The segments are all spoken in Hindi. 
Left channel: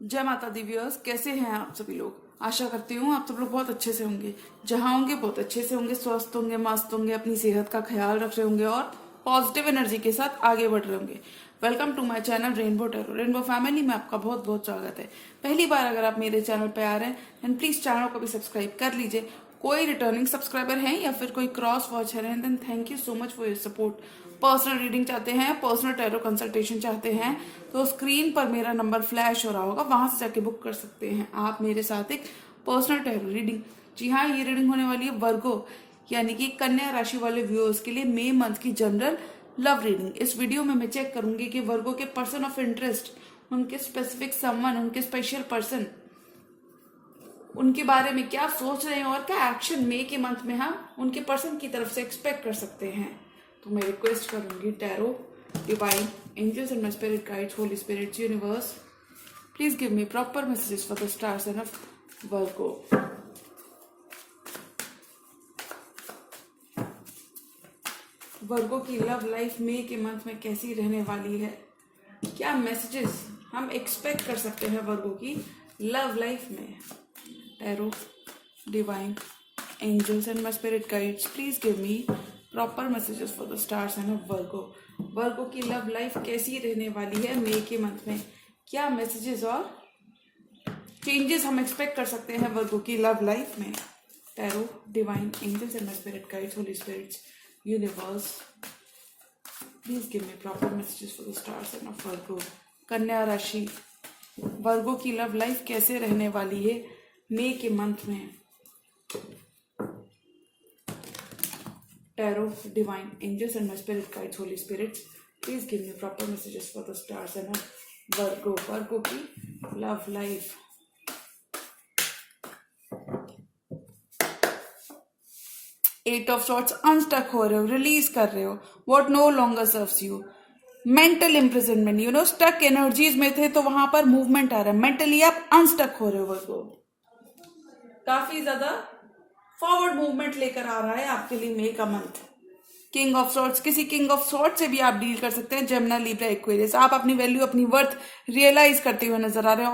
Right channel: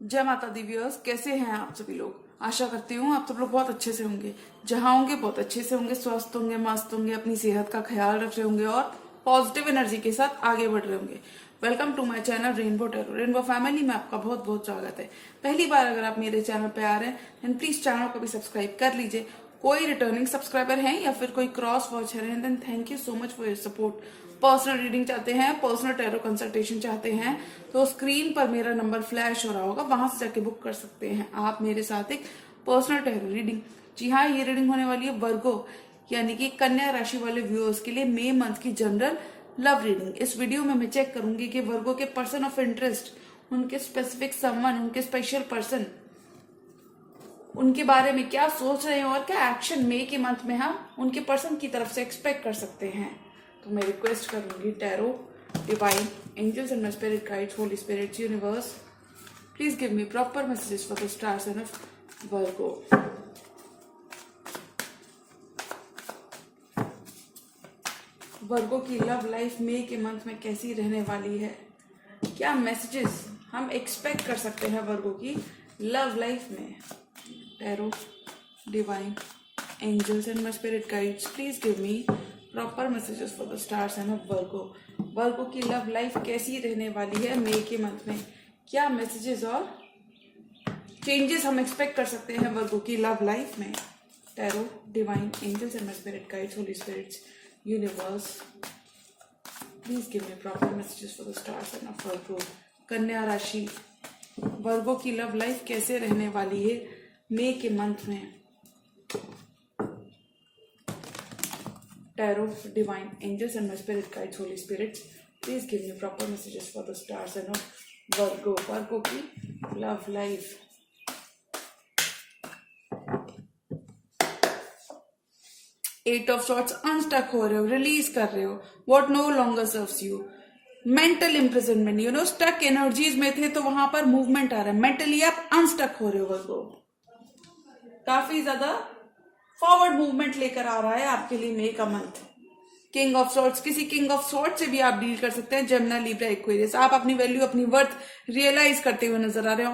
जय माता दी व्यूअर्स, कैसे हैं आप सभी लोग। आशा करती हूँ आप सब लोग बहुत अच्छे से होंगे। जहां होंगे बहुत अच्छे से होंगे, स्वस्थ होंगे, मस्त होंगे, अपनी सेहत का ख्याल रख रहे होंगे और पॉजिटिव एनर्जी के साथ आगे बढ़ रहे होंगे। Welcome to my channel rainbow tarot. Rainbow family में आपका बहुत बहुत स्वागत है। पहली बार अगर आप मेरे चैनल पे आ रहे हैं देन प्लीज चैनल को भी सब्सक्राइब कर लीजिए। कोई रिटर्निंग सब्सक्राइबर हैं या फिर कोई क्रॉस वॉच है then thank you so much for your support. Personal reading चाहते हैं, पर्सनल टैरो कंसल्टेशन चाहते हैं तो स्क्रीन पर मेरा नंबर फ्लैश हो रहा होगा, वहां से जाके बुक कर सकते हैं आप मेरे साथ एक पर्सनल टैरो रीडिंग। जी हाँ, ये रीडिंग होने वाली है वर्गो यानी कि कन्या राशि वाले व्यूअर्स के लिए मे मंथ की जनरल लव रीडिंग। इस वीडियो में मैं चेक करूंगी कि वर्गो के पर्सन ऑफ इंटरेस्ट, उनके स्पेसिफिक समवन, उनके स्पेशल पर्सन, उनके बारे में क्या सोच रहे हैं और क्या एक्शन मे के मंथ में हम उनके पर्सन की तरफ से एक्सपेक्ट कर सकते हैं। तो मैं रिक्वेस्ट करूंगी tarot, divine angels and my spirit guides, holy spirits, universe, please give me proper messages for the star sign of Virgo. Virgo की लव लाइफ मे के मंथ में कैसी रहने वाली है, क्या मैसेजेस हम एक्सपेक्ट कर सकते हैं वर्गो की लव लाइफ में। Tarot, divine angels and my spirit guides, please give me proper messages for the star sign of Virgo. Virgo की लव लाइफ कैसी रहने वाली है मे के मंथ में, क्या मैसेजेस और चेंजेस हम एक्सपेक्ट कर सकते हैं वर्गो की लव लाइफ में। Tarot, divine angels and my spirit guides, holy spirits, universe, please give me proper messages for the star sign of Virgo. कन्या राशि, वर्गो की लव लाइफ कैसे रहने वाली है मे के मंथ में। Tarot, divine angels and my spirit guides, holy spirits, please give me proper messages for the stars and of Virgo. Virgo की love life। Eight of swords, unstuck हो रहे हो, रिलीज कर रहे हो what no longer serves you. Mental imprisonment, you know stuck energies में थे तो वहां पर मूवमेंट आ रहा है। मेंटली आप अनस्टक हो रहे हो वर्गो, काफी ज्यादा फॉरवर्ड मूवमेंट लेकर आ रहा है आपके लिए मे का मंथ। किंग ऑफ सॉर्ट्स, किसी किंग ऑफ सॉर्ट से भी आप डील कर सकते हैं। जेमिनी, लिब्रा, एक्वेरियस, आप अपनी वैल्यू, अपनी वर्थ रियलाइज करते हुए नजर आ रहे हैं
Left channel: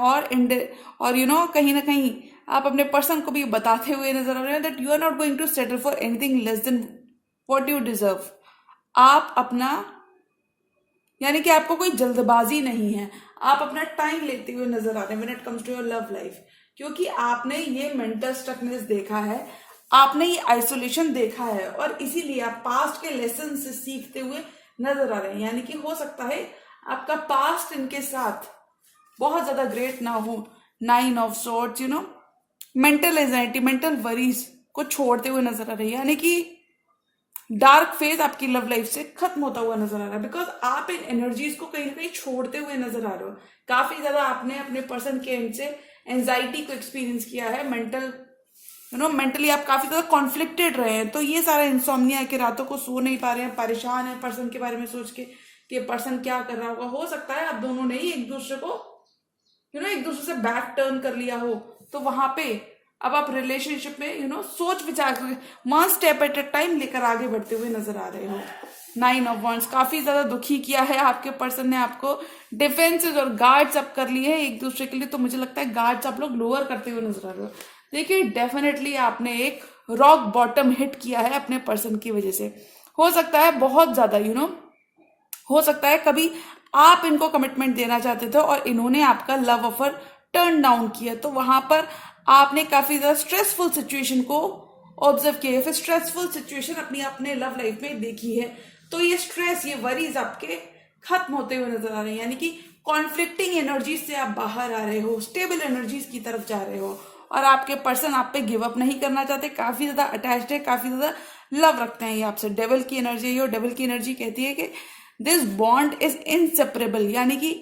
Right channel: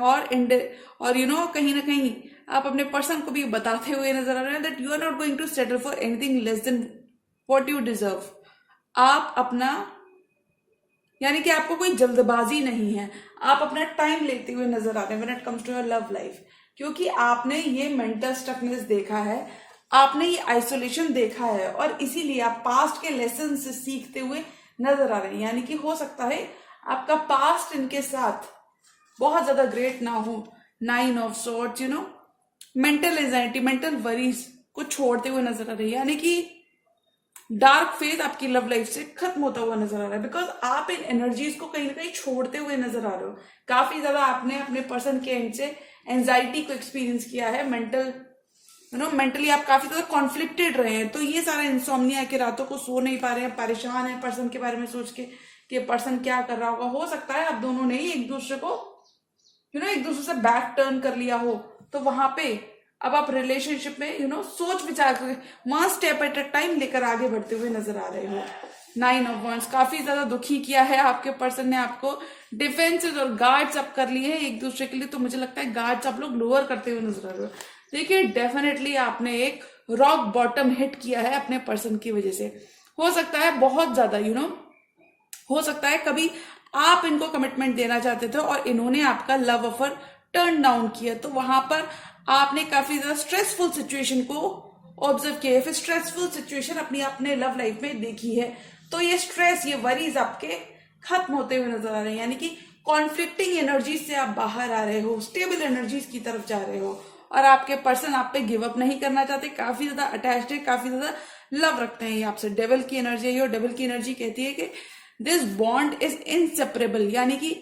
और यू नो कहीं ना कहीं आप अपने पर्सन को भी बताते हुए नजर आ रहे हैं that you are not going to settle for anything less than what you deserve. आप अपना, यानी कि आपको कोई जल्दबाजी नहीं है, आप अपना टाइम लेते हुए नजर आ रहे हैं when it comes to your love life, क्योंकि आपने ये मेंटल स्टकनेस देखा है, आपने ये आइसोलेशन देखा है और इसीलिए आप पास्ट के लेसन से सीखते हुए नजर आ रहे हैं। यानी कि हो सकता है आपका पास्ट इनके साथ बहुत ज्यादा ग्रेट ना हो। Nine of swords, you know mental anxiety, mental worries को छोड़ते हुए नजर आ रही है, यानी कि डार्क फेज आपकी लव लाइफ से खत्म होता हुआ नजर आ रहा है बिकॉज आप इन एनर्जीज को कहीं ना कहीं छोड़ते हुए नजर आ रहे हो। काफी ज्यादा आपने अपने पर्सन के एंड से एंजाइटी को एक्सपीरियंस किया है, मेंटल यू नो मेंटली आप काफी ज्यादा कॉन्फ्लिक्टेड रहे हैं। तो ये सारा इंसोम्निया है कि रातों को सो नहीं पा रहे हैं, परेशान है पर्सन के बारे में सोच के कि पर्सन क्या कर रहा होगा। हो सकता है आप दोनों ने ही एक दूसरे को यू नो एक दूसरे से बैक टर्न कर लिया हो, तो वहां पे अब आप रिलेशनशिप में यू नो सोच विचार करके one step at a time लेकर आगे बढ़ते हुए नजर आ रहे हो। नाइन ऑफ वॉन्ड्स, काफी ज्यादा दुखी किया है आपके पर्सन ने आपको, डिफेंसेस और गार्ड्स अप कर लिए हैं एक दूसरे के लिए। तो मुझे लगता है गार्ड्स आप लोग लोअर करते हुए नजर आ रहे हो। देखिए डेफिनेटली आपने एक रॉक बॉटम हिट किया है अपने पर्सन की वजह से। हो सकता है बहुत ज्यादा यू नो हो सकता है कभी आप इनको कमिटमेंट देना चाहते थे और इन्होंने आपका लव ऑफर टर्न डाउन किया, तो वहां पर आपने काफी ज्यादा स्ट्रेसफुल सिचुएशन को ऑब्जर्व किया है, फिर स्ट्रेसफुल सिचुएशन अपने लव लाइफ में देखी है। तो ये स्ट्रेस, ये वरीज आपके खत्म होते हुए नजर आ रहे हैं, यानी कि कॉन्फ्लिक्टिंग एनर्जीज से आप बाहर आ रहे हो, स्टेबल एनर्जीज की तरफ जा रहे हो और आपके पर्सन आप पे गिव अप नहीं करना चाहते, काफी ज्यादा अटैच्ड है, काफी ज्यादा लव रखते हैं ये आपसे। डेविल की एनर्जी है, डेविल की एनर्जी कहती है कि दिस बॉन्ड इज इनसेपरेबल, यानी कि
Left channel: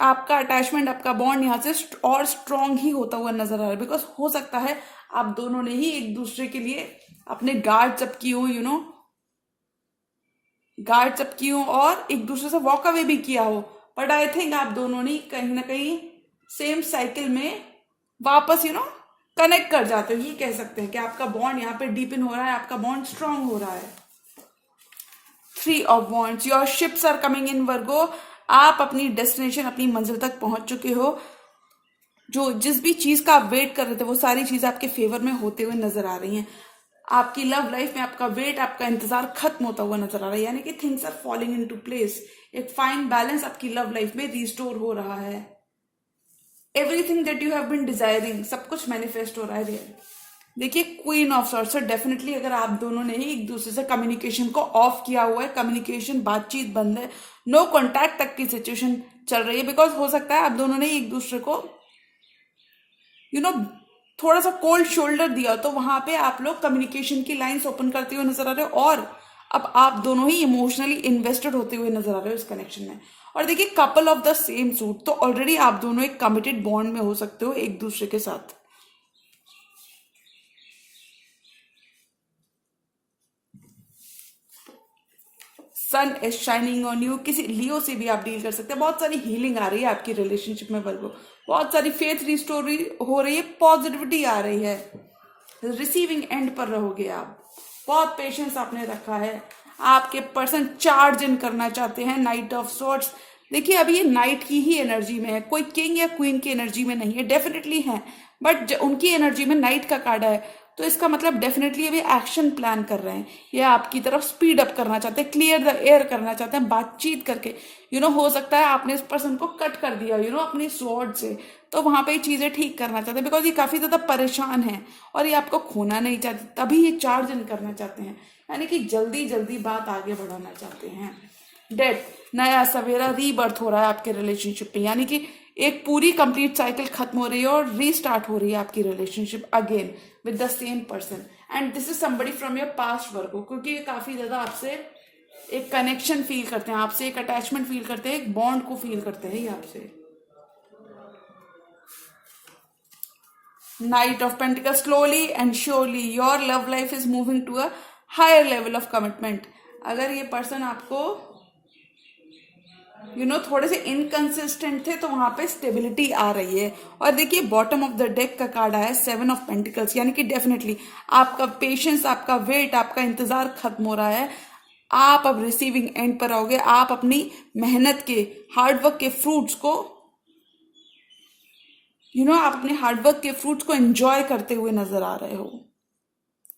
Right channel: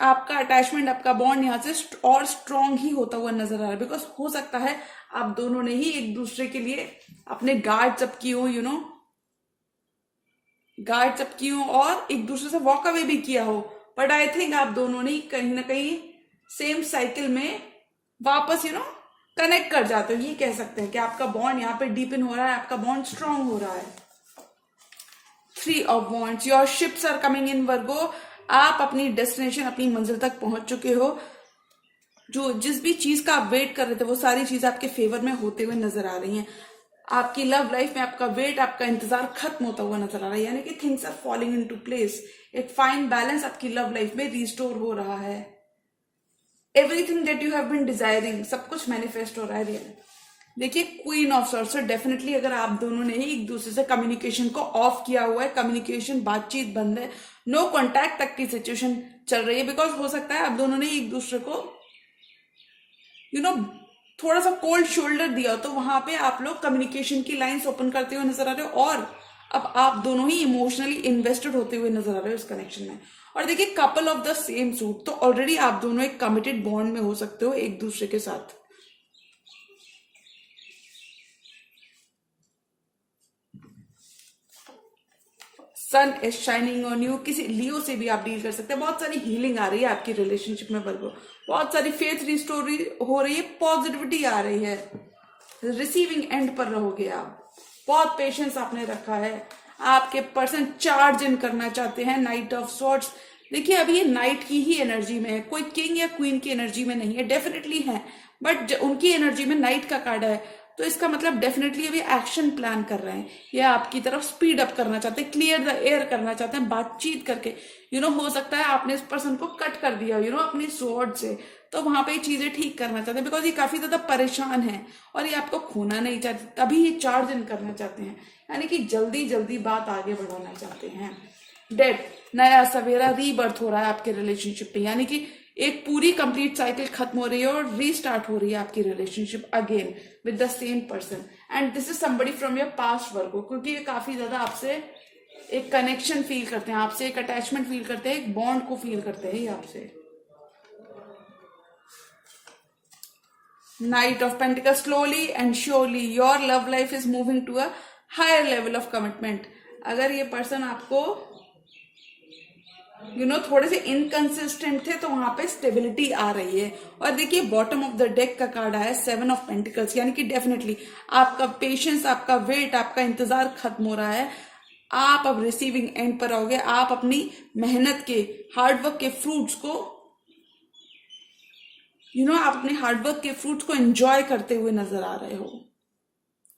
आपका अटैचमेंट, आपका बॉन्ड यहाँ से और स्ट्रांग ही होता हुआ नजर आ रहा है बिकॉज हो सकता है आप दोनों ने ही एक दूसरे के लिए अपने गार्ड्स अप की हो, यू नो गार्ड्स अप की हो और एक दूसरे से वॉक अवे भी किया हो, बट आई थिंक आप दोनों ने कहीं ना कहीं सेम साइकिल में वापस यू नो कनेक्ट कर जाते हो। ये कह सकते हैं कि आपका बॉन्ड यहाँ पे डीपन हो रहा है, आपका बॉन्ड स्ट्रांग हो रहा है। Three of wands, your ships are coming in Virgo, आप अपनी डेस्टिनेशन, अपनी मंजिल तक पहुंच चुके हो। जो जिस भी चीज का आप वेट कर रहे थे वो सारी चीज आपके फेवर में होते हुए नजर आ रही हैं। आपकी लव लाइफ में आपका वेट, आपका इंतजार खत्म होता हुआ नजर आ रहा है, यानी कि things are falling into place. एक फाइन बैलेंस आपकी लव लाइफ में रिस्टोर हो रहा है। Everything that you have been desiring, सब कुछ मैनिफेस्ट हो रहा है रियल। देखिए क्वीन ऑफ सॉर्ड्स, डेफिनेटली अगर आप दोनों ने ही एक दूसरे से कम्युनिकेशन को ऑफ किया हुआ है, कम्युनिकेशन बातचीत बंद है, नो कॉन्टैक्ट तक की सिचुएशन चल रही है, बिकॉज हो सकता है आप दोनों ने एक दूसरे को थोड़ा सा कोल्ड शोल्डर दिया, तो वहां पे आप लोग कम्युनिकेशन की लाइंस ओपन करते हुए नजर आ रहे हो और अब आप दोनों ही इमोशनली इन्वेस्टेड होते हुए नजर आ रहे हो इस कनेक्शन में। और देखिए couple of the same suit, तो ऑलरेडी आप दोनों एक कमिटेड बॉन्ड में हो सकते हो एक दूसरे के साथ। सन इज शाइनिंग ऑन यू, किसी लियो से भी आप डील कर सकते हैं। बहुत सारी हीलिंग आ रही है आपकी रिलेशनशिप में वर्गो, बहुत सारी फेथ रिस्टोर हो रही है, पॉजिटिविटी आ रही है, रिसीविंग एंड पर रहोगे आप। बहुत पेशेंस आपने रखा है, आपके पर्सन चार्ज इन करना चाहते हैं। नाइट ऑफ सॉर्ड्स, देखिए अभी ये नाइट की ही एनर्जी में है, कोई किंग या क्वीन की एनर्जी में नहीं है, डेफिनेटली है, बट उनकी एनर्जी में नाइट का कार्ड है, तो इसका मतलब डेफिनेटली अभी एक्शन प्लान कर रहे हैं, या आपकी तरफ स्पीड अप करना चाहते हैं, क्लियर द एयर करना चाहते हैं बातचीत करके। हो सकता है आपने इस पर्सन को कट कर दिया अपनी स्वॉर्ड से, तो वहां पे चीजें ठीक करना चाहते हैं, बिकॉज ये काफी ज्यादा परेशान है और ये आपको खोना नहीं चाहते, तभी ये चार्ज इन करना चाहते हैं, यानी कि जल्दी जल्दी बात आगे बढ़ाना चाहते हैं। डेथ, नया सवेरा, रीबर्थ हो रहा है आपके रिलेशनशिप पे, यानी कि एक पूरी कंप्लीट साइकिल खत्म हो रही है और रीस्टार्ट हो रही है आपकी relationship again with the same person. And this is somebody from your past Virgo, क्योंकि ये काफी ज्यादा आपसे एक कनेक्शन फील करते हैं, आपसे एक अटैचमेंट फील करते हैं, एक बॉन्ड को फील करते हैं आपसे। Knight of Pentacles, slowly and surely your love life is moving to a higher level of commitment। अगर ये पर्सन आपको थोड़े से इनकंसिस्टेंट थे, तो वहां पे स्टेबिलिटी आ रही है। और देखिए बॉटम ऑफ द डेक का कार्ड आया है 7 ऑफ पेंटिकल्स, यानी कि डेफिनेटली आपका पेशेंस, आपका वेट, आपका इंतजार खत्म हो रहा है। आप अब रिसीविंग एंड पर आओगे, आप अपनी मेहनत के, हार्डवर्क के फ्रूट्स को आप अपने हार्डवर्क के फ्रूट्स को एंजॉय करते हुए नजर आ रहे हो,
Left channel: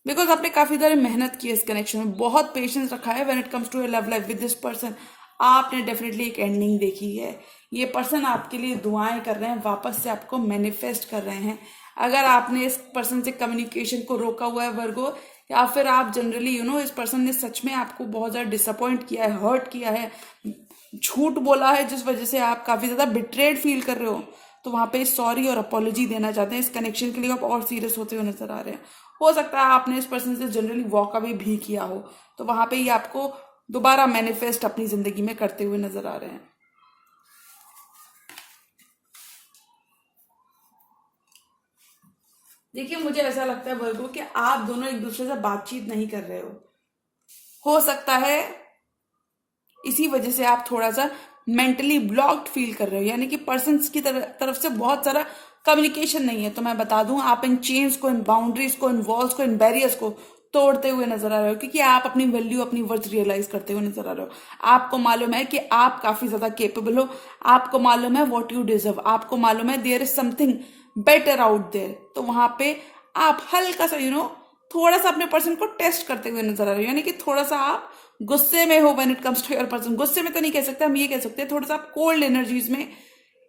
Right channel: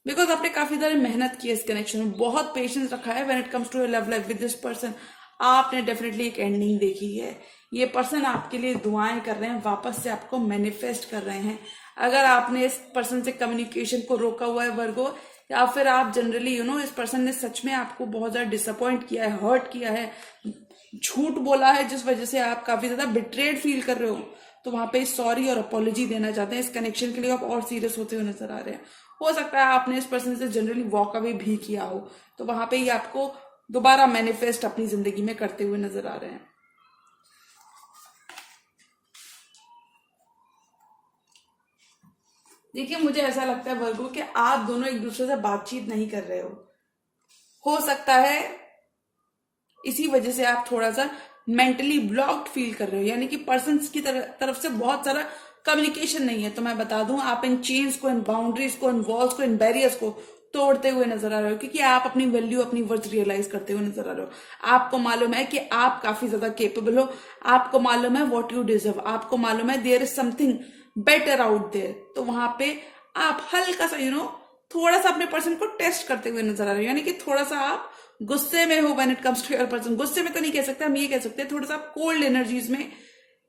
बिकॉज आपने काफी सारी मेहनत की है इस कनेक्शन में, बहुत पेशेंस रखा है when it comes to your love life with this person. आपने डेफिनेटली एक एंडिंग देखी है, ये पर्सन आपके लिए दुआएं कर रहे हैं, वापस से आपको मैनिफेस्ट कर रहे हैं। अगर आपने इस पर्सन से कम्युनिकेशन को रोका हुआ है वर्गो, या फिर आप जनरली इस पर्सन ने सच में आपको बहुत ज्यादा डिसअपॉइंट किया है, हर्ट किया है, झूठ बोला है, जिस वजह से आप काफी ज्यादा बिट्रेड फील कर रहे हो, तो वहां पे सॉरी और अपॉलॉजी देना चाहते हैं। इस कनेक्शन के लिए आप और सीरियस होते हुए नजर आ रहे हैं। हो सकता है आपने इस पर्सन से जनरली वॉक अवे भी किया हो, तो वहां पे ही आपको दोबारा मैनिफेस्ट अपनी जिंदगी में करते हुए नजर आ रहे हैं। देखिए मुझे ऐसा लगता है वर्गो कि आप दोनों एक दूसरे से बातचीत नहीं कर रहे हो सकता है इसी वजह से आप थोड़ा सा मेंटली ब्लॉक्ड फील कर रहे हो, यानी कि पर्सन की तरफ से बहुत सारा कम्युनिकेशन नहीं है। तो मैं बता दूं, आप इन चेन्स को, इन बाउंड्रीज को, इन वॉल्स को, इन बैरियर्स को तोड़ते हुए नजर आ रहे हो, क्योंकि आप अपनी वैल्यू, अपनी वर्थ रियलाइज करते हुए नजर आ रहे हो। आपको मालूम है कि आप काफी ज्यादा केपेबल हो, आपको मालूम है व्हाट यू डिजर्व, आपको मालूम है there is something better out there. तो वहां पे आप हल्का सा थोड़ा सा अपने पर्सन को टेस्ट करते हुए नजर आ रहे हो, यानी कि थोड़ा सा आप गुस्से में हो when it comes to your person. गुस्से में तो नहीं कह सकते, हम ये कह सकते हैं थोड़ा सा आप कोल्ड एनर्जीज में,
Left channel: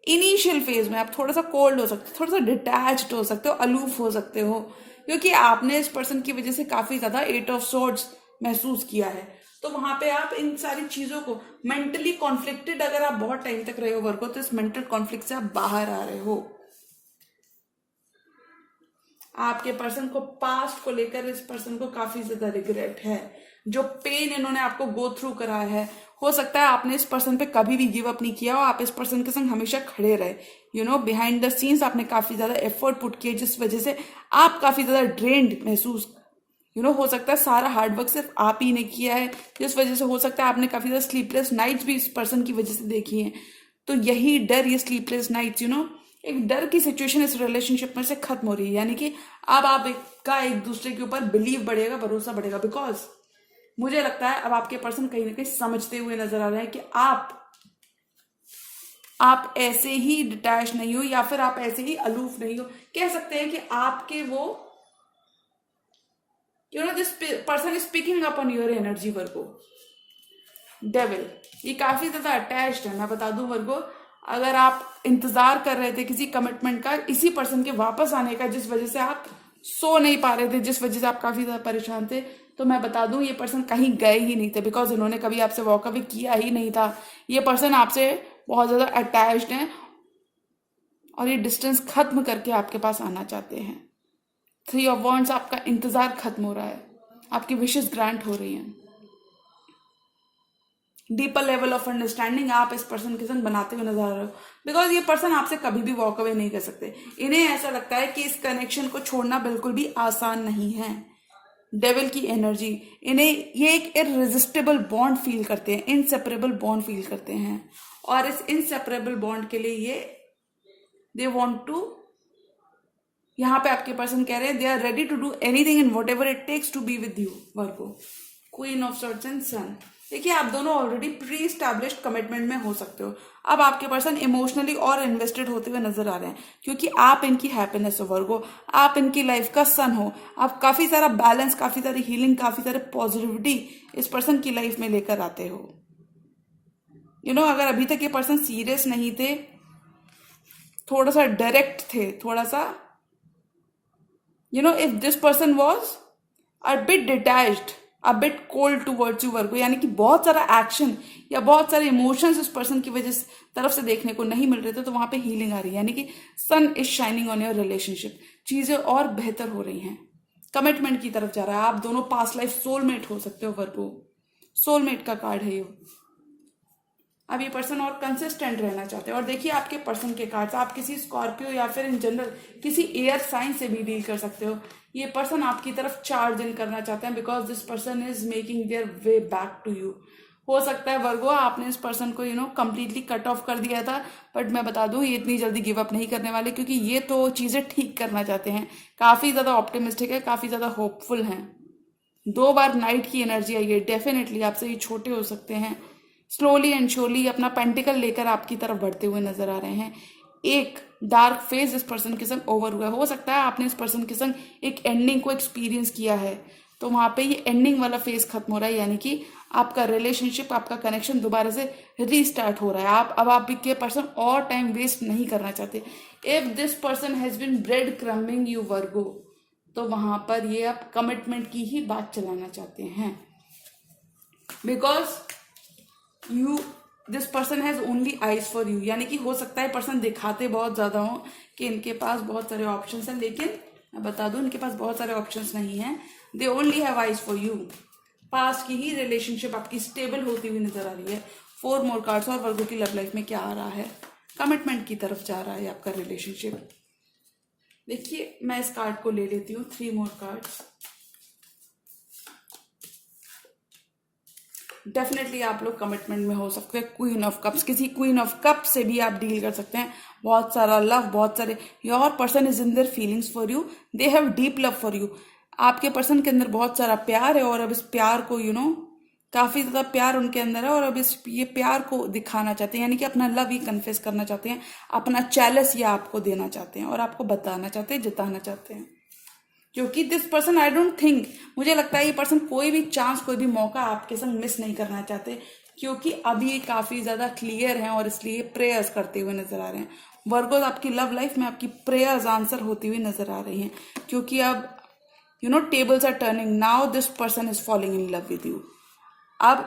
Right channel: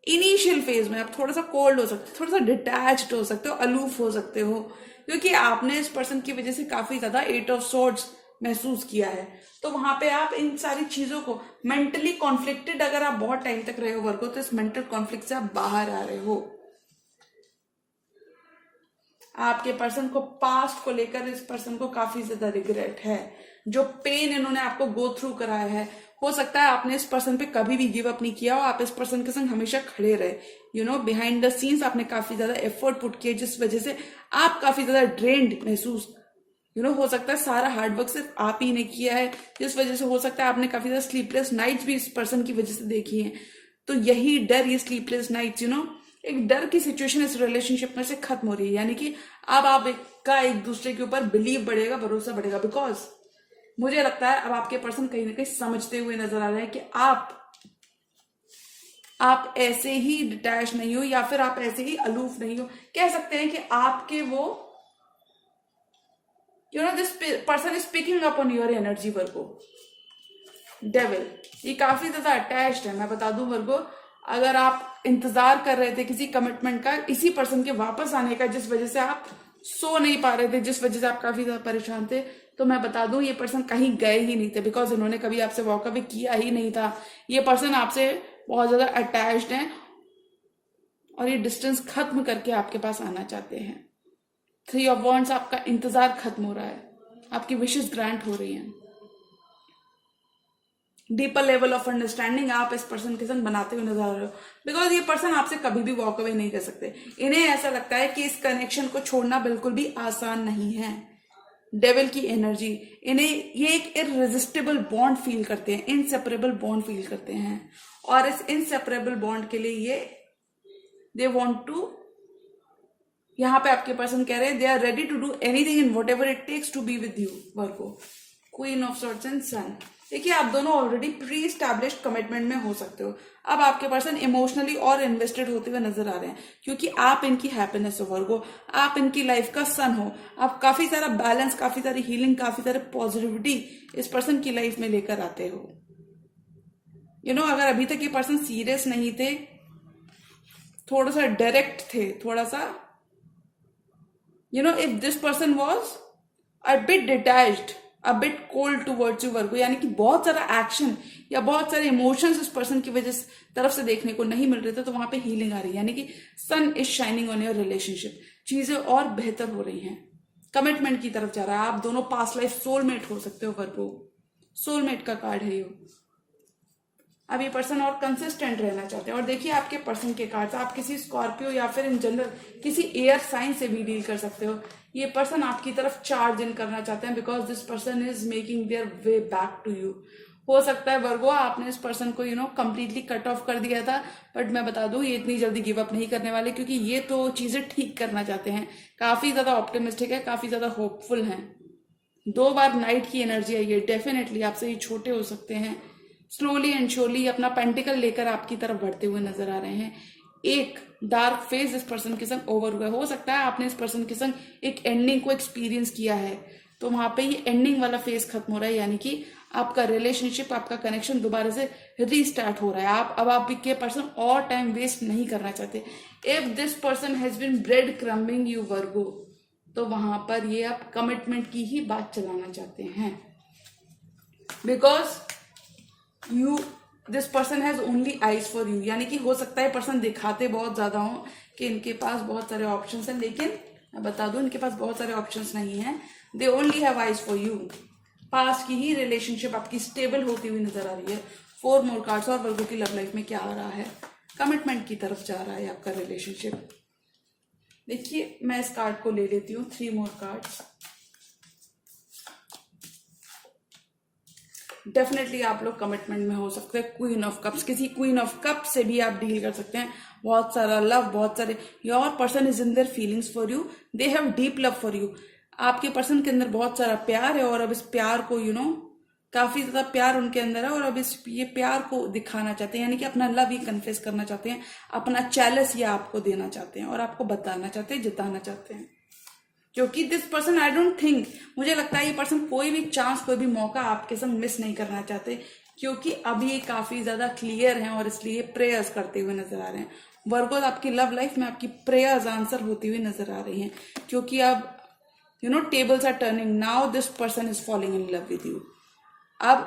इनिशियल फेज में आप थोड़ा सा कोल्ड हो सकते हो, थोड़ा सा डिटैच्ड हो सकते हो, अलूफ हो सकते हो, क्योंकि आपने इस पर्सन की वजह से काफी ज्यादा 8 ऑफ सॉर्ड्स महसूस किया है। तो वहां पे आप इन सारी चीजों को, मेंटली कॉन्फ्लिक्टेड अगर आप बहुत टाइम तक रहे हो वर्गो, तो इस मेंटल कॉन्फ्लिक्ट से आप बाहर आ रहे हो। आपके पर्सन को पास्ट को लेकर, इस पर्सन को काफी ज्यादा रिग्रेट है, जो पेन इन्होंने आपको गो थ्रू कराया है। हो सकता है आपने इस पर्सन पे कभी भी गिव अप नहीं किया हो, आप इस पर्सन के संग हमेशा खड़े रहे। बिहाइंड द सीन्स आपने काफी ज्यादा एफर्ट पुट किया, जिस वजह से आप काफी ज्यादा ड्रेन्ड महसूस, हो सकता है सारा हार्डवर्क सिर्फ आप ही ने किया है, जिस वजह से हो सकता है आपने काफी ज्यादा स्लीपलेस नाइट्स भी इस पर्सन की वजह से देखी है। तो यही डर, ये स्लीपलेस नाइट्स, एक डर की सिचुएशन इस रिलेशनशिप में से खत्म हो रही है, यानी कि अब आप एक दूसरे के ऊपर बिलीव बढ़ेगा, भरोसा बढ़ेगा, बिकॉज मुझे लगता है अब आपके पर्सन कहीं ना कहीं समझते हुए नजर आ रहे हैं कि आप आप ऐसे ही डिटैच नहीं हो या फिर आप ऐसे ही अलूफ नहीं हो, कह सकते हैं कि आपके वो this person is picking up on your energy Virgo. Devil ये काफी ज्यादा अटैच्ड है, मैं बता दूं वर्गो। अगर आप इंतजार कर रहे थे किसी कमिटमेंट का, इसी पर्सन के वापस आने का, जिस वजह से आप सो नहीं पा रहे थे, जिस वजह से आप काफी ज्यादा परेशान थे, तो मैं बता दूं ये पर्सन कहीं गए ही नहीं थे, बिकॉज इन्होंने कभी आपसे वॉक अवे किया ही नहीं था। ये पर्सन आपसे बहुत ज्यादा अटैच्ड है और ये डिस्टेंस खत्म करके आपके पास आना चाहते हैं। 3 ऑफ वॉन्ड्स, आपका इंतजार खत्म हो रहा है, आपकी विशेष ग्रांट हो रही हैं। डीपर लेवल ऑफ अंडरस्टैंडिंग आप इस पर्सन के संग बनाते हुए नजर आ रहे हो, बिकॉज ये पर्सन आपसे कभी भी वॉक अवे नहीं कर सकते। इन्हें ऐसा लगता है कि इस कनेक्शन को छोड़ना बिल्कुल भी आसान नहीं है। डेविल की एनर्जी, इन्हें ये एक इररेजिस्टिबल बॉन्ड फील करते हैं, इनसेपरेबल बॉन्ड फील करते हैं, और इस इनसेपरेबल बॉन्ड के लिए ये दे वॉन्ट टू, यहां पे आपके पर्सन कह रहे हैं they are ready to do anything in whatever it takes to be with you Virgo. Queen of swords and sun, देखिए आप दोनों ऑलरेडी प्री एस्टैब्लिश्ड कमिटमेंट में हो सकते हो। अब आपके पर्सन इमोशनली और इन्वेस्टेड होते हुए नजर आ रहे हैं, क्योंकि आप इनकी हैप्पीनेस हो वर्गो, आप इनकी लाइफ का सन हो। आप काफी सारा बैलेंस, काफी सारी हीलिंग, काफी सारे पॉजिटिविटी इस पर्सन की लाइफ में लेकर आते हो। अगर अभी तक ये पर्सन सीरियस नहीं थे, थोड़ा सा डायरेक्ट थे, थोड़ा सा if this person was a bit detached, a bit cold towards you Virgo, यानी कि बहुत सारा एक्शन या बहुत सारे इमोशंस उस पर्सन की वजह से तरफ से देखने को नहीं मिल रहे थे, तो वहां पे हीलिंग आ रही है, यानी कि sun is shining on your relationship. चीजें और बेहतर हो रही हैं, कमिटमेंट की तरफ जा रहा है। आप दोनों पास्ट लाइफ सोलमेट हो सकते हो वर्गो, सोलमेट का कार्ड है ये। अब ये पर्सन और कंसिस्टेंट रहना चाहते हैं। और देखिए आपके पर्सन के कार्ड्स, आप किसी स्कॉर्पियो या फिर इन जनरल किसी एयर साइन से भी डील कर सकते हो। ये पर्सन आपकी तरफ चार्ज इन करना चाहते हैं, because this person is making their way back to you. हो सकता है वर्गो आपने इस पर्सन को कंप्लीटली कट ऑफ कर दिया था, बट मैं बता दूं ये इतनी जल्दी गिव अप नहीं करने वाले, क्योंकि ये तो चीजें ठीक करना चाहते हैं, काफी ज्यादा ऑप्टिमिस्टिक है, काफी ज्यादा होपफुल हैं। 2 बार नाइट की एनर्जी आई है, डेफिनेटली आपसे ये छोटे हो सकते हैं, स्लोली एंड श्योरली अपना पेंटिकल लेकर आपकी तरफ बढ़ते हुए नजर आ रहे हैं। एक डार्क फेज इस पर्सन के संग ओवर हुआ, हो सकता है आपने इस पर्सन के संग एक एंडिंग को एक्सपीरियंस किया है, तो वहां पे ये एंडिंग वाला फेज खत्म हो रहा है, यानी कि आपका रिलेशनशिप, आपका कनेक्शन दोबारा से रीस्टार्ट हो रहा है। अब आप के पर्सन और टाइम वेस्ट नहीं करना चाहते। If this person has been breadcrumbing you Virgo, तो वहां पर ये आप कमिटमेंट की ही बात चलाना चाहते हैं, because this person has only eyes for you, यानी कि हो सकता है पर्सन दिखाते बहुत ज्यादा हो कि इनके पास बहुत सारे ऑप्शंस हैं, लेकिन मैं बता दूं इनके पास बहुत सारे ऑप्शंस नहीं हैं। They only have eyes for you. Past की ही रिलेशनशिप आपकी स्टेबल होती हुई नजर आ रही है। 4 मोर कार्ड्स, और वर्गो की लव लाइफ में क्या आ रहा है, कमिटमेंट की तरफ जा रहा है आपका रिलेशनशिप। देखिए मैं इस कार्ड को ले लेती हूँ, 3 मोर कार्ड्स। डेफिनेटली आप लोग कमिटमेंट में हो सकते हैं। क्वीन ऑफ कप्स, किसी क्वीन ऑफ कप से भी आप डील कर सकते हैं। बहुत सारा लव, बहुत सारे, your person is in their feelings for you, they have deep love for you. आपके पर्सन के अंदर बहुत सारा प्यार है, और अब इस प्यार को काफी ज्यादा प्यार उनके अंदर है, और अब ये प्यार को दिखाना चाहते हैं, यानी कि अपना लव ही कन्फेस करना चाहते हैं, अपना चैलेंज ये आपको देना चाहते हैं, और आपको बताना चाहते हैं, जिताना चाहते हैं। क्योंकि this person, I don't think, मुझे लगता है ये पर्सन कोई भी चांस, कोई भी मौका आपके संग मिस नहीं करना चाहते, क्योंकि अभी ये काफी ज्यादा क्लियर हैं, और इसलिए प्रेयर्स करते हुए नजर आ रहे हैं। वर्गो आपकी लव लाइफ में आपकी प्रेयर्स आंसर होती हुई नजर आ रही हैं, क्योंकि अब tables are turning, now this person is falling in love with you. अब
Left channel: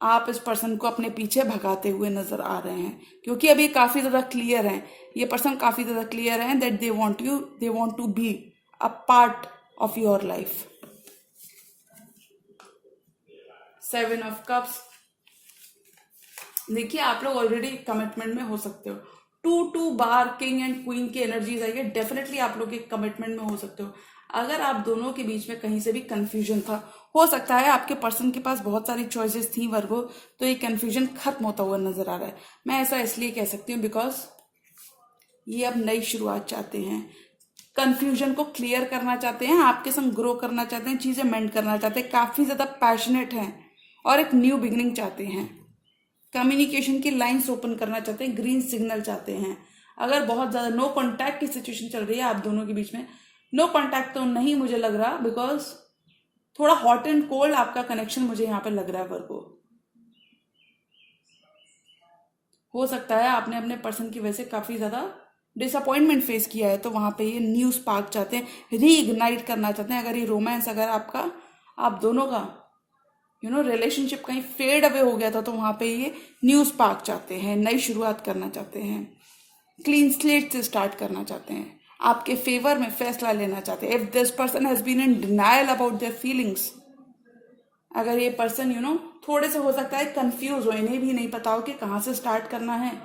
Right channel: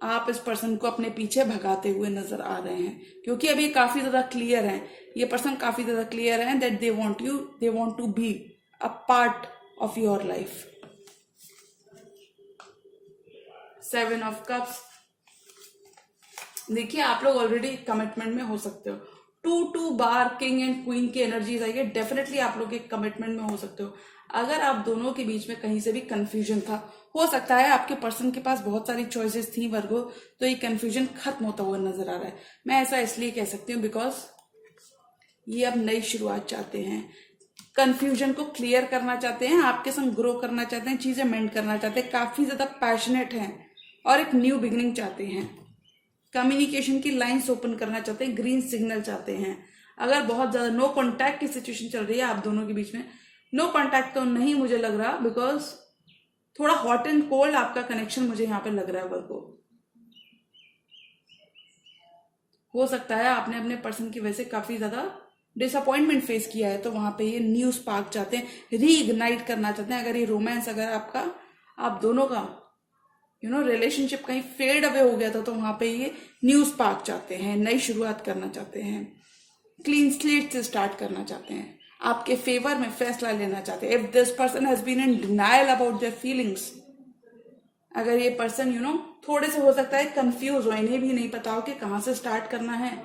आप इस पर्सन को अपने पीछे भगाते हुए नजर आ रहे हैं, क्योंकि अब ये काफी ज्यादा क्लियर हैं, ये पर्सन काफी ज्यादा क्लियर हैं that they want to be a part of your life. 7 of cups, देखिए आप लोग ऑलरेडी कमिटमेंट में हो सकते हो। 2 बार किंग एंड क्वीन की एनर्जीज आई है, डेफिनेटली आप लोग एक कमिटमेंट में हो सकते हो। अगर आप दोनों के बीच में कहीं से भी कंफ्यूजन था, हो सकता है आपके पर्सन के पास बहुत सारी चॉइसेस थी वर्गो, तो ये कंफ्यूजन खत्म होता हुआ नजर आ रहा है। मैं ऐसा इसलिए कह सकती हूँ बिकॉज ये अब नई शुरुआत चाहते हैं, कंफ्यूजन को क्लियर करना चाहते हैं, आपके संग ग्रो करना चाहते हैं, चीजें मेंड करना चाहते हैं, काफी ज्यादा पैशनेट हैं, और एक न्यू बिगिनिंग चाहते हैं। कम्युनिकेशन की लाइंस ओपन करना चाहते हैं, ग्रीन सिग्नल चाहते हैं। अगर बहुत ज्यादा नो कॉन्टैक्ट की सिचुएशन चल रही है आप दोनों के बीच में, नो कॉन्टैक्ट तो नहीं मुझे लग रहा, बिकॉज थोड़ा हॉट एंड कोल्ड आपका कनेक्शन मुझे यहाँ पे लग रहा है वर्गो। हो सकता है आपने अपने पर्सन की वजह से काफी ज्यादा डिसअपॉइंटमेंट फेस किया है, तो वहां पे ये न्यू स्पार्क चाहते हैं, रीइग्नाइट करना चाहते हैं। अगर ये रोमांस अगर आपका आप दोनों का रिलेशनशिप कहीं फेड अवे हो गया था, तो वहां पे ये न्यू स्पार्क चाहते हैं, नई शुरुआत करना चाहते हैं, क्लीन स्लेट से स्टार्ट करना चाहते हैं, आपके फेवर में फैसला लेना चाहते हैं। If this person has been in denial about their feelings, अगर ये पर्सन थोड़े से हो सकता है कंफ्यूज हो, इन्हें भी नहीं पता हो कि कहाँ से स्टार्ट करना है,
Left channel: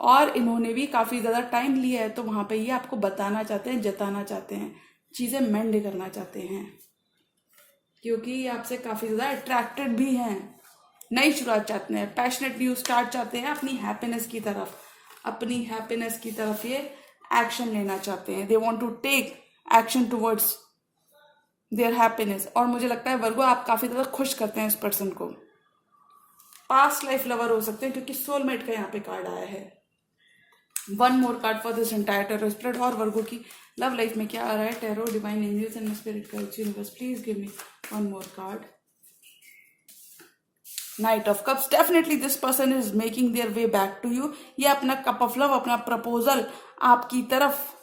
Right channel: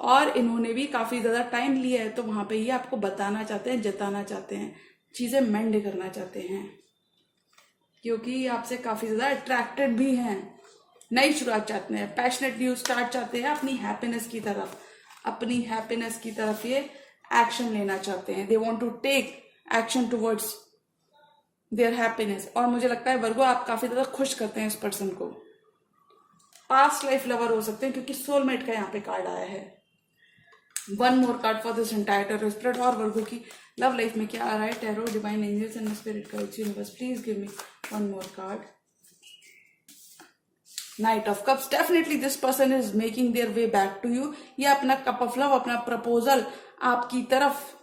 और इन्होंने भी काफी ज्यादा टाइम लिया है, तो वहां पे ये आपको बताना चाहते हैं, जताना चाहते हैं, चीजें मेंड करना चाहते हैं, क्योंकि आपसे काफी ज्यादा अट्रैक्टेड भी हैं, नई शुरुआत चाहते हैं, पैशनेट न्यू स्टार्ट चाहते हैं, अपनी हैप्पीनेस की तरफ ये एक्शन लेना चाहते हैं। They want to take action towards their happiness. और मुझे लगता है वर्गो आप काफी ज्यादा खुश करते हैं इस पर्सन को। पास्ट लाइफ लवर हो सकते हैं, क्योंकि सोलमेट का यहाँ पे कार्ड आया है। One more card for this entire tarot spirit. और वर्गो की लव लाइफ में क्या आ रहा है? Tarot, divine angels and spirit guides, universe, please give me one more card. Knight of cups. Definitely this person is making their way back to you. ये अपना कप ऑफ लव, अपना प्रपोजल आपकी तरफ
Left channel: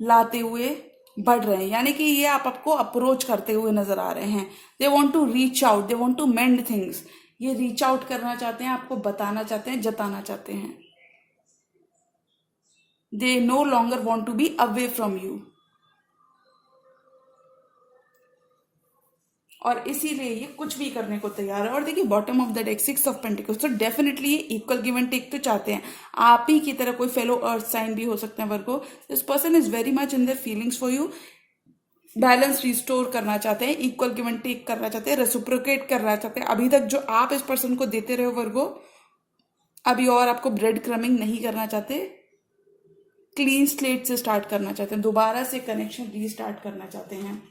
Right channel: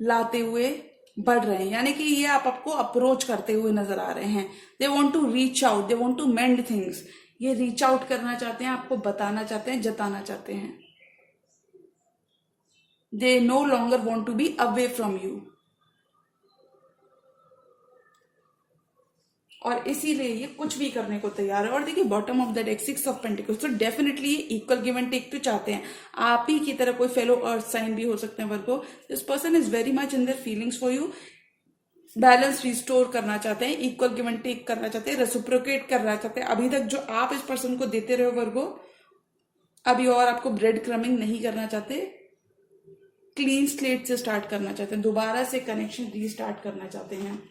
लाते हुए बढ़ रहे हैं, यानी कि ये आपको अप्रोच करते हुए नजर आ रहे हैं। They want to reach out, they want to mend things. ये रीच आउट करना चाहते हैं, आपको बताना चाहते हैं, जताना चाहते हैं। They no longer want to be away from you, और इसीलिए ये कुछ भी करने को तैयार है। और देखिए bottom of the deck 6 of pentacles, तो डेफिनेटली ये इक्वल गिव एंड टेक तो चाहते हैं। आप ही की तरह कोई फेलो अर्थ साइन भी हो सकते हैं Virgo. This person is very much in their feelings for you. Balance restore करना चाहते हैं, इक्वल गिव एंड टेक करना चाहते हैं, रेसिप्रोकेट करना चाहते हैं। अभी तक जो आप इस पर्सन को देते रहे हो वर्गो, अभी और आपको ब्रेड क्रमिंग नहीं करना चाहते, क्लीन स्लेट से स्टार्ट करना चाहते हैं, दोबारा से कनेक्शन रीस्टार्ट करना चाहते हैं।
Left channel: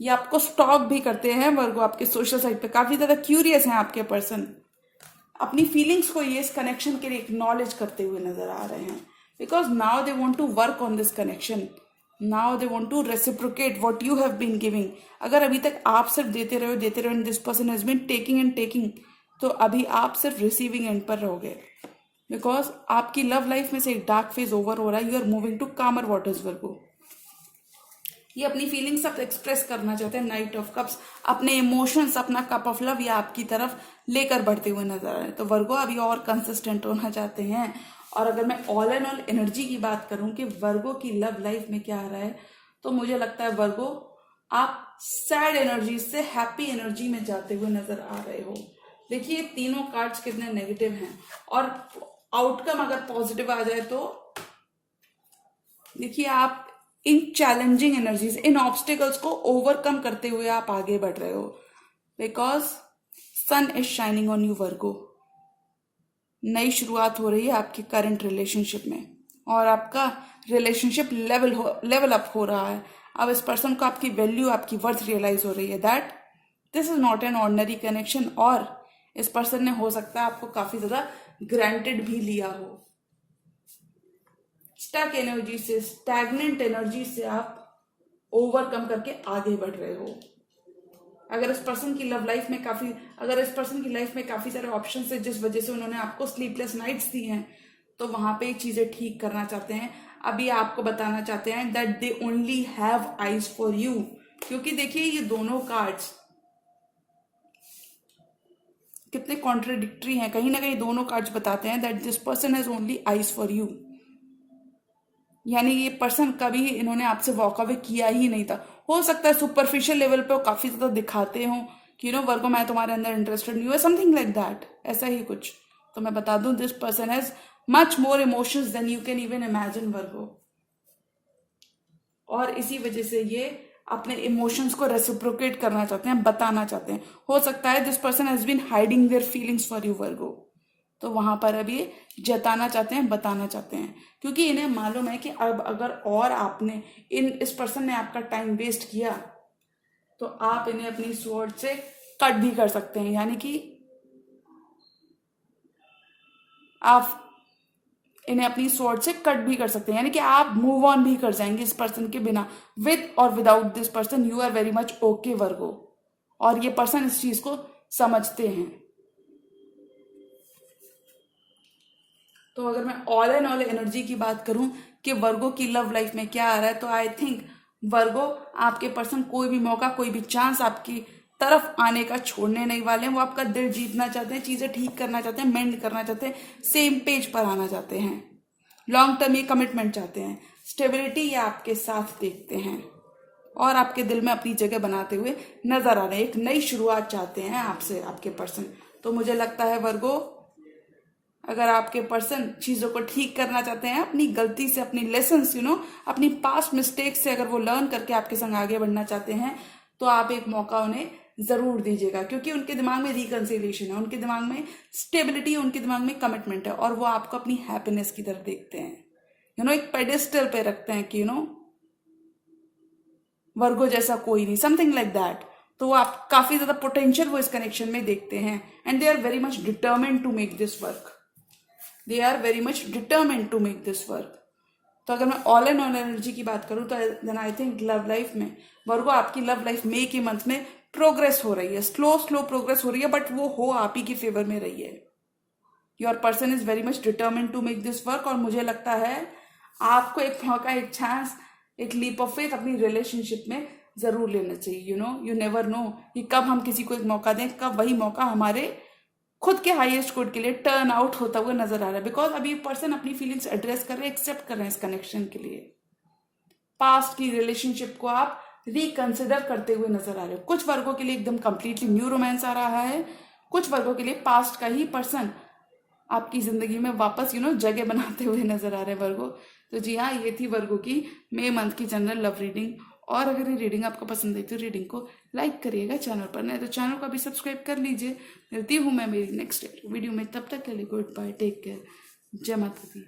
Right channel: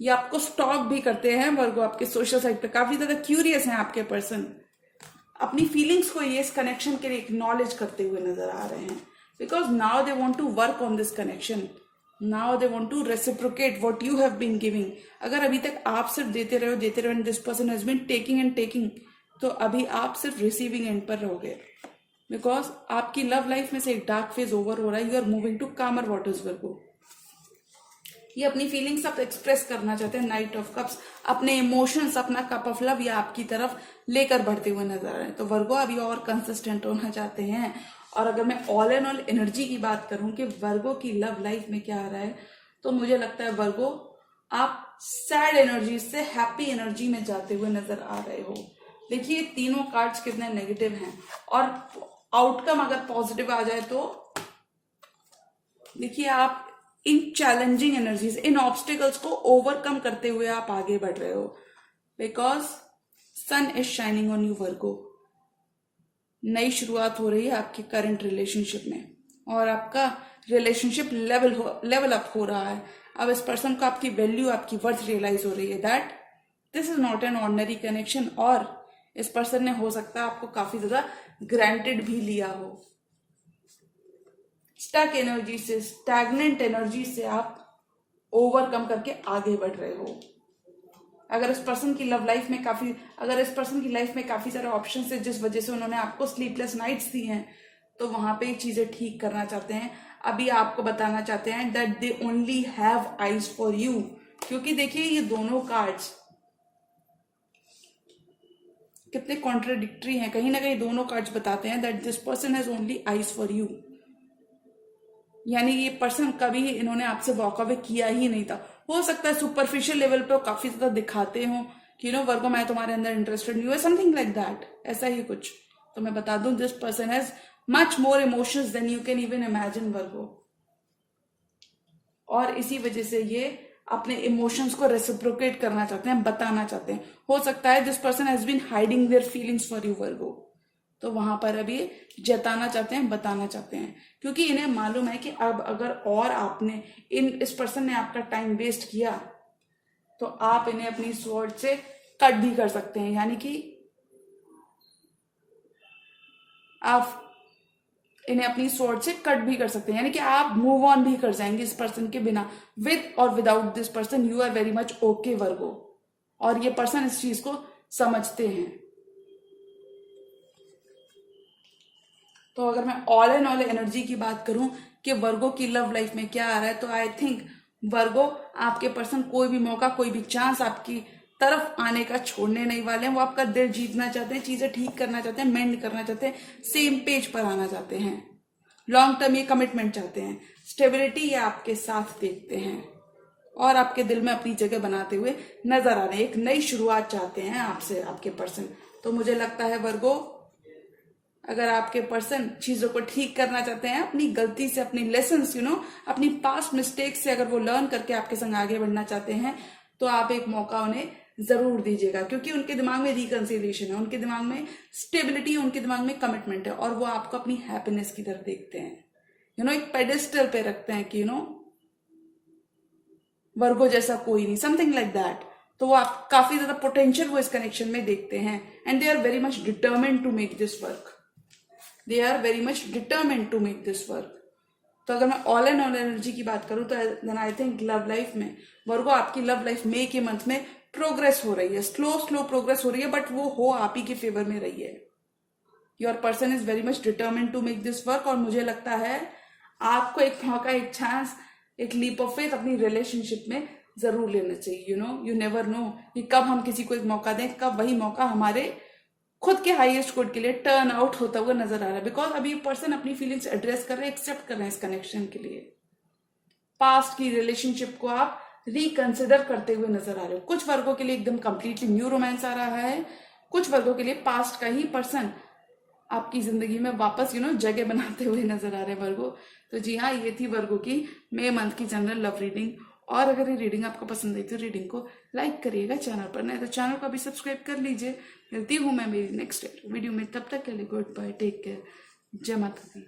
ये आपको स्टॉक भी करते हैं वर्गो, आपके सोशल साइट पे काफी ज्यादा क्यूरियस हैं आपके पर्सन। अपनी फीलिंग्स को ये इस कनेक्शन के लिए एक्नॉलेज करते हुए नजर आ रहे हैं, because now they want to work on this connection, now they want to reciprocate what you have been giving. अगर अभी तक आप सिर्फ देते रहो and this person has been taking and taking, तो अभी आप सिर्फ रिसीविंग एंड पर रहोगे, बिकॉज आपकी लव लाइफ में से एक डार्क फेज ओवर हो रहा है। यू आर मूविंग टू कामर वाटर्स वर्गो। ये अपनी फीलिंग्स आप एक्सप्रेस करना चाहते हैं। नाइट ऑफ कप्स, अपने इमोशंस, अपना कप ऑफ लव या आपकी तरफ लेकर बढ़ते हुए नजर आ रहे हैं। तो वर्गो अभी और कंसिस्टेंट होना चाहते हैं। और अगर मैं ऑल एंड ऑल एनर्जी की बात करूं कि वर्गो की लव लाइफ में क्या आ रहा है, तो मुझे लगता है वर्गो आप सैड एनर्जी से हैप्पी एनर्जी में जाते हुए नजर आ रहे हो। देखिए तीनों कार्ड्स कितने नेगेटिव हैं, और आउटकम अगर पॉजिटिव आ जाए तो देखिए आप इन चैलेंजिंग एनर्जीज, इन ऑब्स्टिकल्स को ओवरकम करते हुए आप आगे बढ़ रहे हो, because sun is shining on you Virgo. नई शुरुआत हो रही है आपके करंट रिलेशनशिप में, और आपका रिलेशनशिप लेवल अप हो रहा है। अब इस पर्सन को आपकी वैल्यू, आपकी वर्थ रियलाइज हो रही है that this is not an ordinary connection. और इस पर्सन ने हो सकता है आपको काफी ज्यादा ग्रांटेड भी लिया हो। स्टक एनर्जी से, स्टैग्नेंट एनर्जी से आप ओवरकम करके आगे बढ़ रहे हो। अगर इस पर्सन की लाइफ में काफी सारे ऑप्शन है जिस वजह से उन्होंने आपको स्लीपलेस नाइट्स दी हैं, तो वहां पे चीजें ठीक करना चाहते हैं। अभी आपको बताना चाहते हैं that they only have eyes for you, क्योंकि देखिए ये दोनों कार्ड्स कितने कॉन्ट्राडिक्टरी हैं। कहीं ना कहीं दोनों कार्ड्स बताते हैं that this person has only eyes for you, यानी ये पर्सन कभी इन्होंने आपसे वॉक अवे किया ही नहीं था। हो सकता है सुपरफिशियल लेवल पे वो काफी ज्यादा दिखाते हो कि वर्गो मैं तुम्हारे अंदर इंटरेस्टेड नहीं हूँ, समथिंग लाइक दैट, ऐसा ही कुछ। तो मैं बता दूं this person has much more emotions than you can even imagine Virgo, और इसी वजह से ये अपने इमोशंस को रेसिप्रोकेट करना चाहते हैं, बताना चाहते हैं। हो सकता है this person has been hiding their feelings for you Virgo, तो वहां पर अभी जताना चाहते हैं, बताना चाहते हैं, क्योंकि इन्हें मालूम है कि अब अगर और आपने इस पर्सन ने आपका टाइम वेस्ट किया तो आप इन्हें अपनी स्वॉर्ड से कट भी कर सकते हैं, यानी कि आप इन्हें अपनी सोच से कट भी कर सकते हैं, यानी कि आप मूव ऑन भी कर जाएंगे इस पर्सन के बिना। विद और without this person you are very much okay Virgo, और ये पर्सन इस चीज को समझते हैं। तो अगर मैं ऑल एंड ऑल एनर्जी की बात करूं कि वर्गो की लव लाइफ में क्या आ रहा है, तो आई थिंक वर्गो आपके पर्सन कोई भी मौका, कोई भी चांस आपकी तरफ आने का छोड़ने नहीं वाले हैं। वो आपका दिल जीतना चाहते हैं, चीजें ठीक करना चाहते हैं, मेंड करना चाहते हैं, सेम पेज पर आना चाहते हैं, लॉन्ग टर्म ये कमिटमेंट चाहते हैं, स्टेबिलिटी ये आपके साथ देखते हैं और आपके दिल में अपनी जगह बनाते हुए नजर आ रहे हैं। एक नई शुरुआत चाहते हैं आपसे आपके पर्सन। तो मुझे लगता है वर्गो, अगर आपके पर्सन चीजों को ठीक करना चाहते हैं, अपनी गलती से, अपनी लेसन्स अपनी पास्ट मिस्टेक से अगर वो लर्न करके आपके संग आगे बढ़ना चाहते हैं, तो आप एक मौका उन्हें जरूर दीजिएगा, क्योंकि उनके दिमाग में रिकंसिलिएशन है, उनके दिमाग में स्टेबिलिटी, उनके दिमाग में कमिटमेंट है, और वो आपको अपनी हैप्पीनेस की तरफ देखते हैं। एक पेडिस्टल पे रखते हैं कि वर्गो जैसा कोई नहीं, समथिंग लाइक दैट। तो वो आप काफी ज्यादा पोटेंशियल वो इस कनेक्शन में देखते हैं, and they are very much determined to make this work. They are very much determined to make this work. तो अगर मैं ऑल एंड ऑल एनर्जी की बात करूं, तो then I think love life में वर्गो, आपकी लव लाइफ मई के मंथ में प्रोग्रेस हो रही है, स्लो प्रोग्रेस हो रही है, बट वो हो आप ही के फेवर में रही है। Your person is very much determined to make this work, और मुझे लगता है आपको एक मौका, एक चांस, एक लीप ऑफ फेथ अपनी रिलेशनशिप में जरूर लेना चाहिए। यू नेवर नो कि कब हम किसी को एक मौका दें, कब वही मौका हमारे खुद के हाईएस्ट गुड के लिए टर्न आउट होता हुआ नजर आ रहा है। बिकॉज अभी ये पर्सन अपनी फीलिंग्स एड्रेस कर रहे हैं, एक्सेप्ट कर रहे हैं इस कनेक्शन के लिए। पास्ट की रिलेशनशिप को आप रिकंसिडर करते हुए नजर आ रहे हो। कुछ वर्गों के लिए एकदम कंप्लीटली न्यू रोमांस आ रहा है, कुछ वर्गों के लिए पास्ट का ही पर्सन आपकी जिंदगी में वापस जगह बनाते हुए नजर आ रहे हैं वर्गो। तो जी हाँ, ये थी वर्गो की मई मंथ की जनरल लव रीडिंग। और अगर ये रीडिंग आपको पसंद आई तो रीडिंग को लाइक करिएगा, चैनल पर नहीं तो चैनल को भी सब्सक्राइब कर लीजिए। मिलती हूँ मैं मेरी नेक्स्ट वीडियो में, तब तक के लिए गुड बाय, टेक केयर, जय माता दी।